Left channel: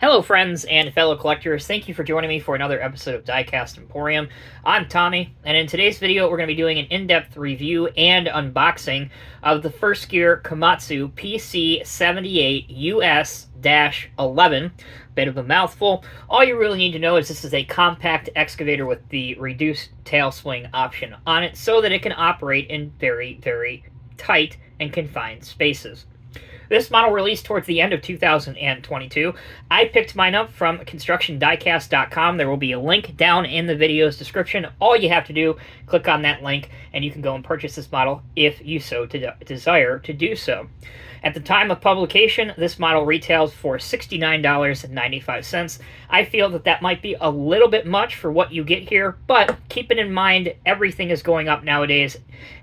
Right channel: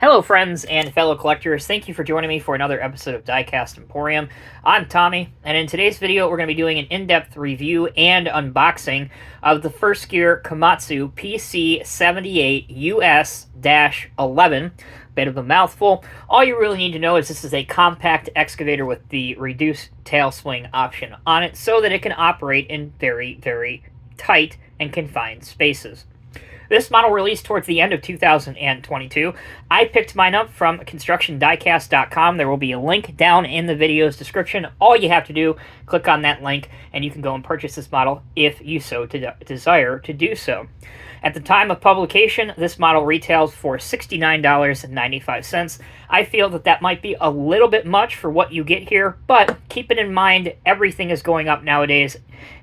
Hello, friends and fellow collectors. Thank you for joining me for another episode of Diecast Emporium. I'm Tommy, and in today's video, we're going to be doing an in-depth review and unboxing of the first gear Komatsu PC78US-11. Bit of a mouthful. All you really need to know is this is a compact excavator with the reduced tail swing option on it so that it can operate in very, very tight and confined spaces. This model released towards the end of 2022. I picked mine up from constructiondiecast.com. There will be a link down in the video's description. All you have to do, click on that link, and you can go and purchase this model if you so desire to do so. At the time of publication, this model retails for $69.95. I feel that that might be a little bit much for what you get here, but keep it in mind, everything is going up nowadays,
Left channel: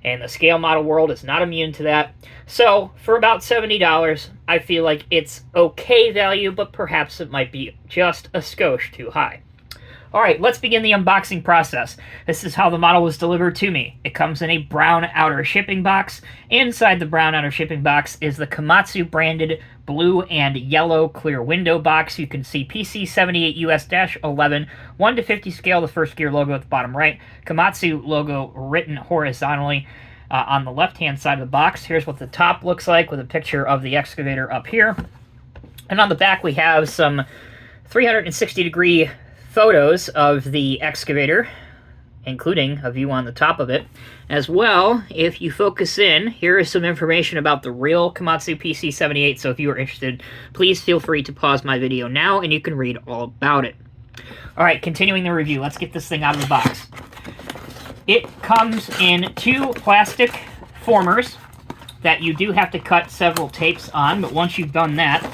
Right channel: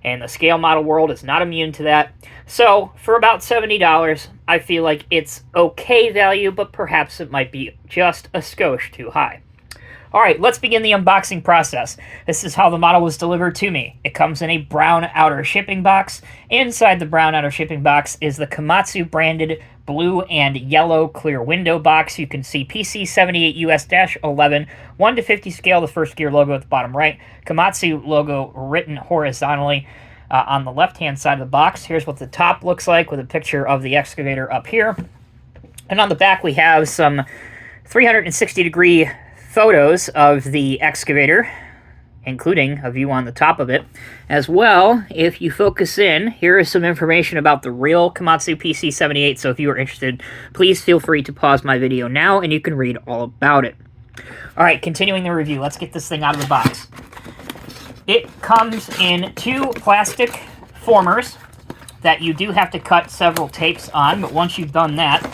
and the scale model world is not immune to that. So, for about $70, I feel like it's okay value, but perhaps it might be just a skosh too high. Alright, let's begin the unboxing process. This is how the model was delivered to me. It comes in a brown outer shipping box. Inside the brown outer shipping box is the Komatsu branded blue and yellow clear window box. You can see PC78US-11, 1:50 scale, the first gear logo at the bottom right. Komatsu logo written horizontally on the left-hand side of the box. Here's what the top looks like with a picture of the excavator up here. And on the back we have some 360-degree photos of the excavator, including a view on the top of it. As well, if you focus in, here is some information about the real Komatsu PC78, so if you are interested, please feel free to pause my video now and you can read all about it. Alright, continuing the review, let's get this thing out of the box. It comes in two plastic formers that you do have to cut several tapes on, but once you've done that,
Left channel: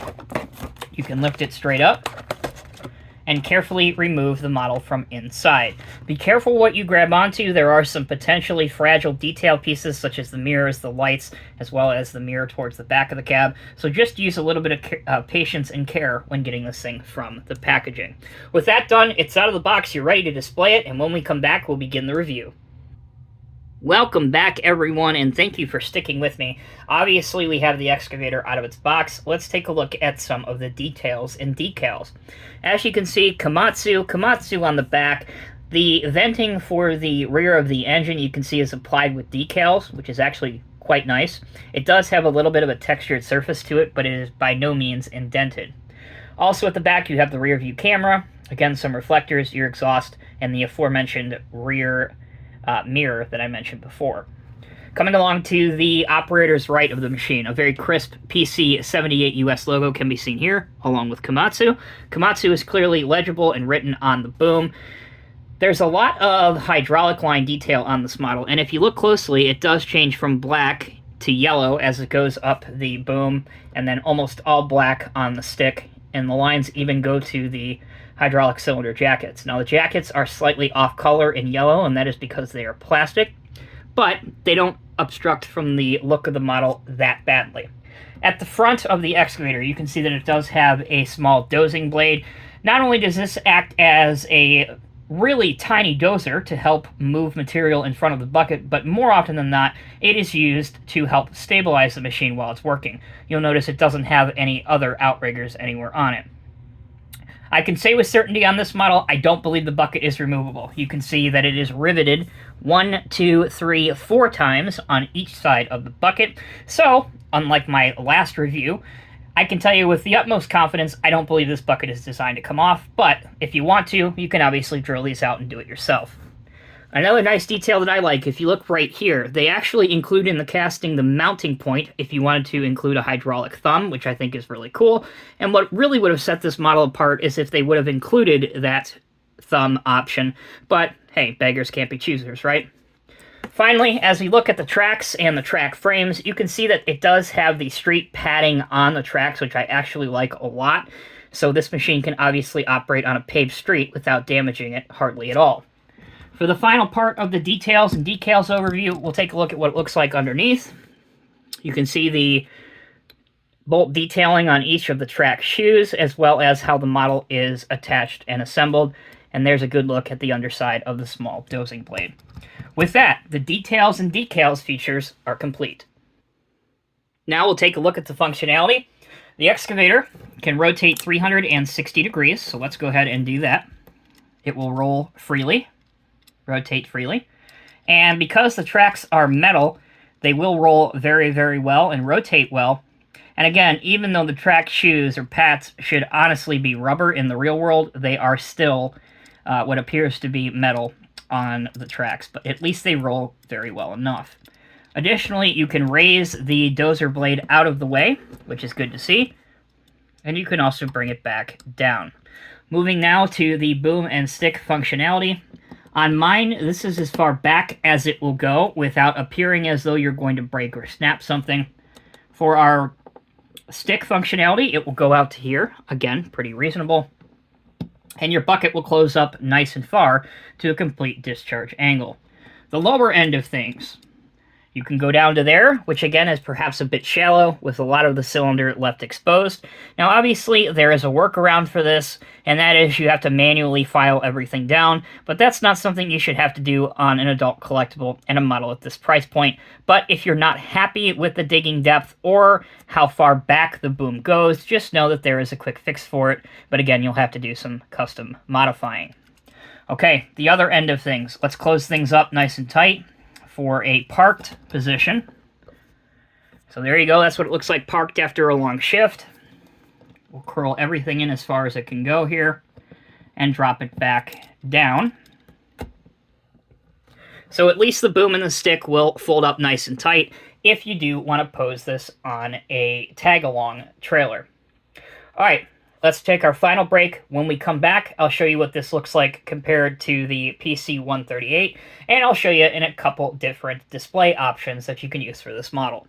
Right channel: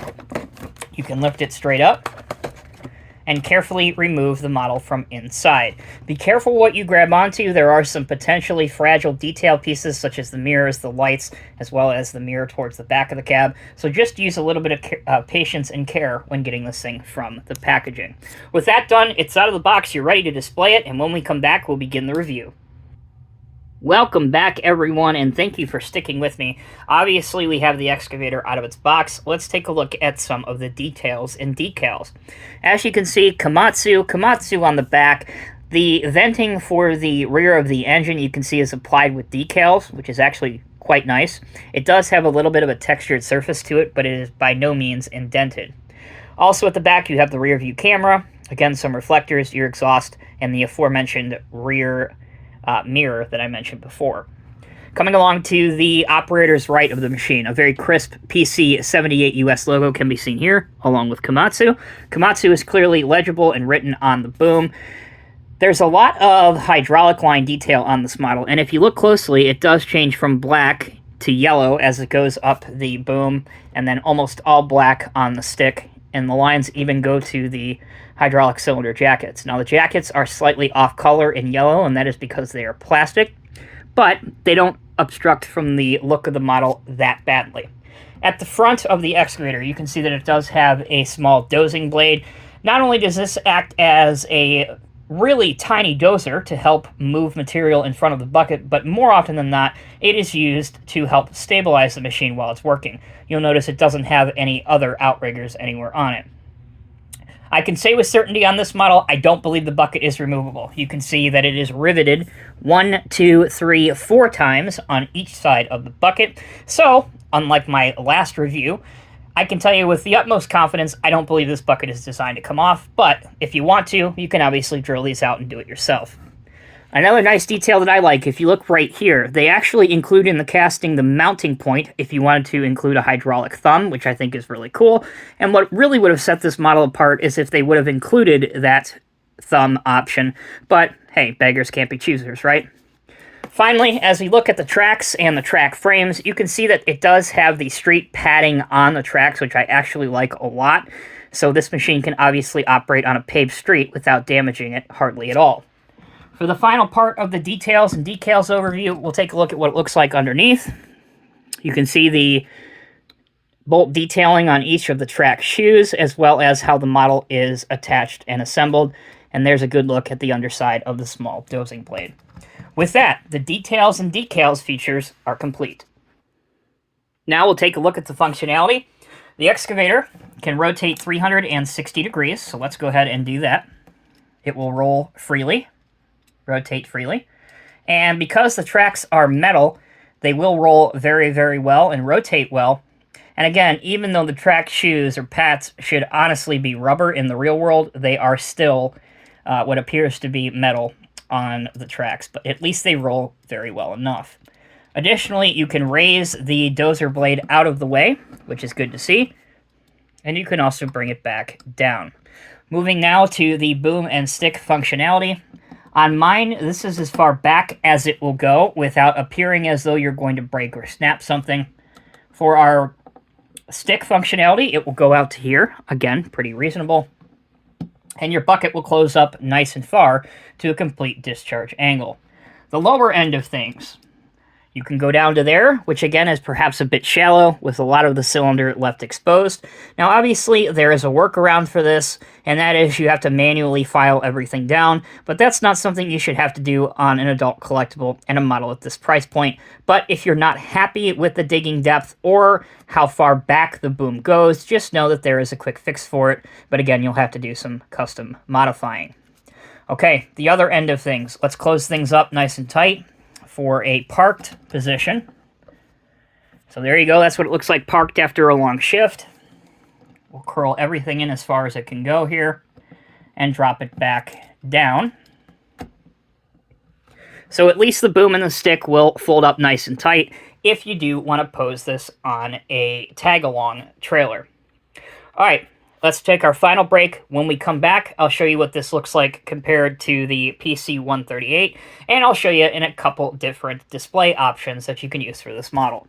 you can lift it straight up and carefully remove the model from inside. Be careful what you grab onto. There are some potentially fragile detail pieces, such as the mirrors, the lights, as well as the mirror towards the back of the cab. So just use a little bit of patience and care when getting this thing from the packaging. With that done, it's out of the box, you're ready to display it, and when we come back, we'll begin the review. Welcome back, everyone, and thank you for sticking with me. Obviously, we have the excavator out of its box. Let's take a look at some of the details and decals. As you can see, Komatsu on the back. The venting for the rear of the engine, you can see, is applied with decals, which is actually quite nice. It does have a little bit of a textured surface to it, but it is by no means indented. Also at the back, you have the rear view camera. Again, some reflectors, your exhaust, and the aforementioned rear mirror that I mentioned before. Coming along to the operator's right of the machine, a very crisp PC78US logo can be seen here, along with Komatsu. Komatsu is clearly legible and written on the boom. There's a lot of hydraulic line detail on this model, and if you look closely, it does change from black to yellow as it goes up the boom, and then almost all black on the stick, and the lines even go to the hydraulic cylinder jackets. Now, the jackets are slightly off color in yellow, and that is because they are plastic, but they don't obstruct from the look of the model that badly. At the front of the excavator, you can see that it does have a small dozing blade. Not only does this act as a really tiny dozer to help move material in front of the bucket, but more often than not, it is used to help stabilize the machine while it's working. You'll notice it doesn't have any other outriggers anywhere on it. I can say with certainty on this model, I don't believe the bucket is removable. You can see that it is riveted 1, 2, 3, 4 times on each side of the bucket. So, unlike my last review, I can tell you with the utmost confidence, I don't believe this bucket is designed to come off, but if you want to, you can obviously drill these out and do it yourself. Another nice detail that I like, if you look right here, they actually include in the casting the mounting point if you wanted to include a hydraulic thumb, which I think is really cool. And what really would have set this model apart is if they would have included that thumb option. But hey, beggars can't be choosers, right? Finally, as we look at the tracks and the track frames, you can see that it does have the street padding on the tracks, which I actually like a lot. So this machine can obviously operate on a paved street without damaging it hardly at all. For the final part of the details and decals overview, we'll take a look at what it looks like underneath. You can see the bolt detailing on each of the track shoes, as well as how the model is attached and assembled. And there's a good look at the underside of the small dozing blade. With that, the details and decals features are complete. Now we'll take a look at the functionality. The excavator can rotate 360 degrees, so let's go ahead and do that. It will roll freely, rotate freely. And because the tracks are metal, they will roll very, very well and rotate well. And again, even though the track shoes or pads should honestly be rubber in the real world, they are still what appears to be metal on the tracks, but at least they roll very well enough. Additionally, you can raise the dozer blade out of the way, which is good to see, and you can also bring it back down. Moving now to the boom and stick functionality. On mine, this is as far back as it will go without appearing as though you're going to break or snap something. For our stick functionality, it will go out to here. Again, pretty reasonable. And your bucket will close up nice and far to a complete discharge angle. The lower end of things, you can go down to there, which again is perhaps a bit shallow with a lot of the cylinder left exposed. Now obviously there is a workaround for this, and that is you have to manually file everything down, but that's not something you should have to do on an adult collectible and a model at this price point. But if you're not happy with the digging depth or how far back the boom goes, just know that there is a quick fix for it, but again you'll have to do some custom modifying. Okay, the other end of things. Let's close things up nice and tight for a parked position. So there you go, that's what it looks like parked after a long shift. We'll curl everything in as far as it can go here and drop it back down. So at least the boom and the stick will fold up nice and tight if you do want to pose this on a tag-along trailer. All right, let's take our final break. When we come back, I'll show you what this looks like compared to the PC138, and I'll show you in a couple different display options that you can use for this model.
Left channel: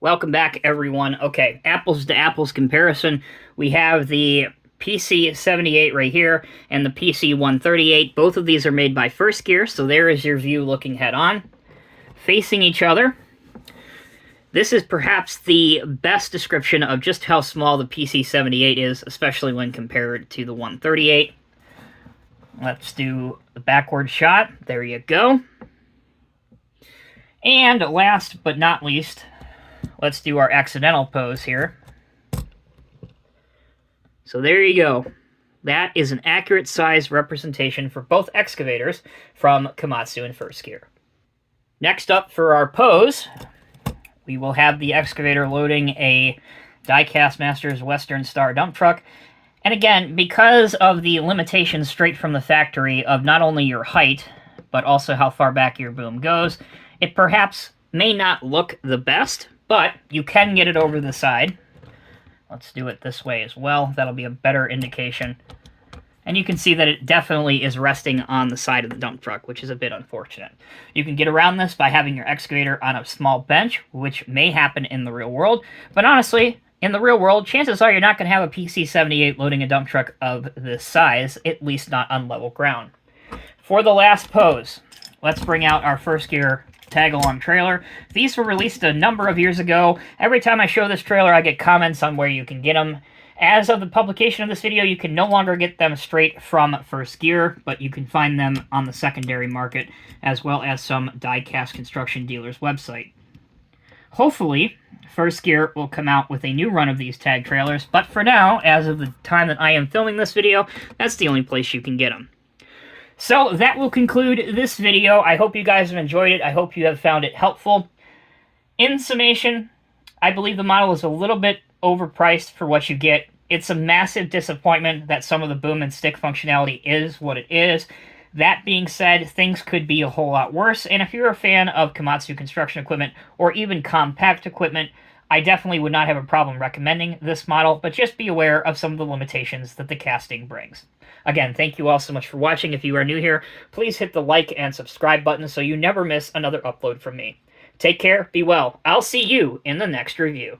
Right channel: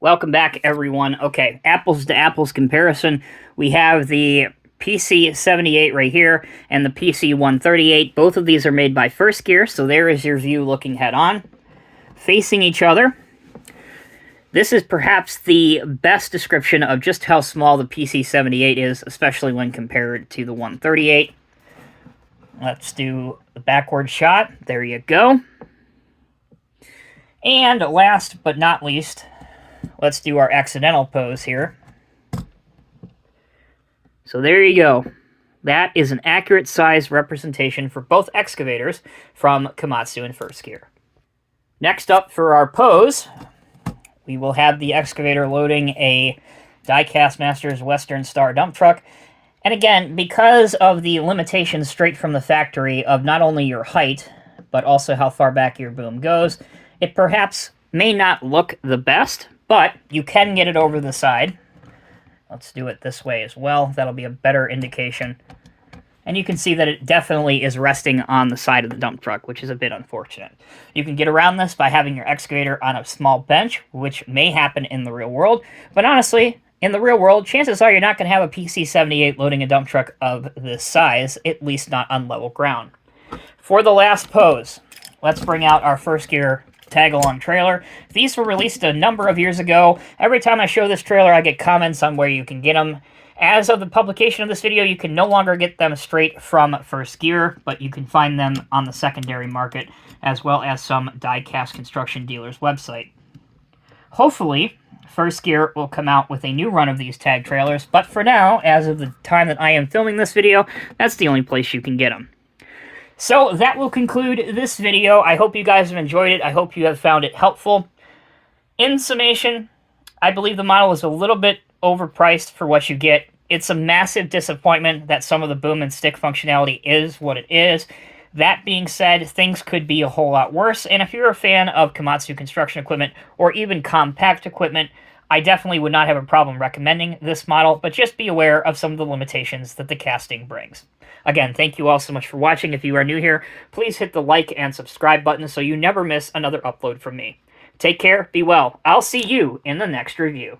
Welcome back, everyone. Okay, apples to apples comparison. We have the PC78 right here and the PC138. Both of these are made by First Gear, so there is your view looking head-on. Facing each other, this is perhaps the best description of just how small the PC78 is, especially when compared to the 138. Let's do the backward shot. There you go. And last but not least, let's do our accidental pose here. So there you go. That is an accurate size representation for both excavators from Komatsu and First Gear. Next up for our pose, we will have the excavator loading a Diecast Masters Western Star dump truck. And again, because of the limitations straight from the factory of not only your height, but also how far back your boom goes, it perhaps may not look the best, but you can get it over the side. Let's do it this way as well. That'll be a better indication. And you can see that it definitely is resting on the side of the dump truck, which is a bit unfortunate. You can get around this by having your excavator on a small bench, which may happen in the real world. But honestly, in the real world, chances are you're not going to have a PC78 loading a dump truck of this size, at least not on level ground. For the last pose, let's bring out our First Gear tag-along trailer. These were released a number of years ago. Every time I show this trailer, I get comments on where you can get them. As of the publication of this video, you can no longer get them straight from First Gear, but you can find them on the secondary market, as well as some die-cast construction dealers' website. Hopefully, First Gear will come out with a new run of these tag trailers, but for now, as of the time that I am filming this video, that's the only place you can get them. So that will conclude this video. I hope you guys have enjoyed it. I hope you have found it helpful. In summation, I believe the model is a little bit overpriced for what you get. It's a massive disappointment that some of the boom and stick functionality is what it is. That being said, things could be a whole lot worse, and if you're a fan of Komatsu construction equipment or even compact equipment, I definitely would not have a problem recommending this model, but just be aware of some of the limitations that the casting brings. Again, thank you all so much for watching. If you are new here, please hit the like and subscribe button so you never miss another upload from me. Take care, be well. I'll see you in the next review.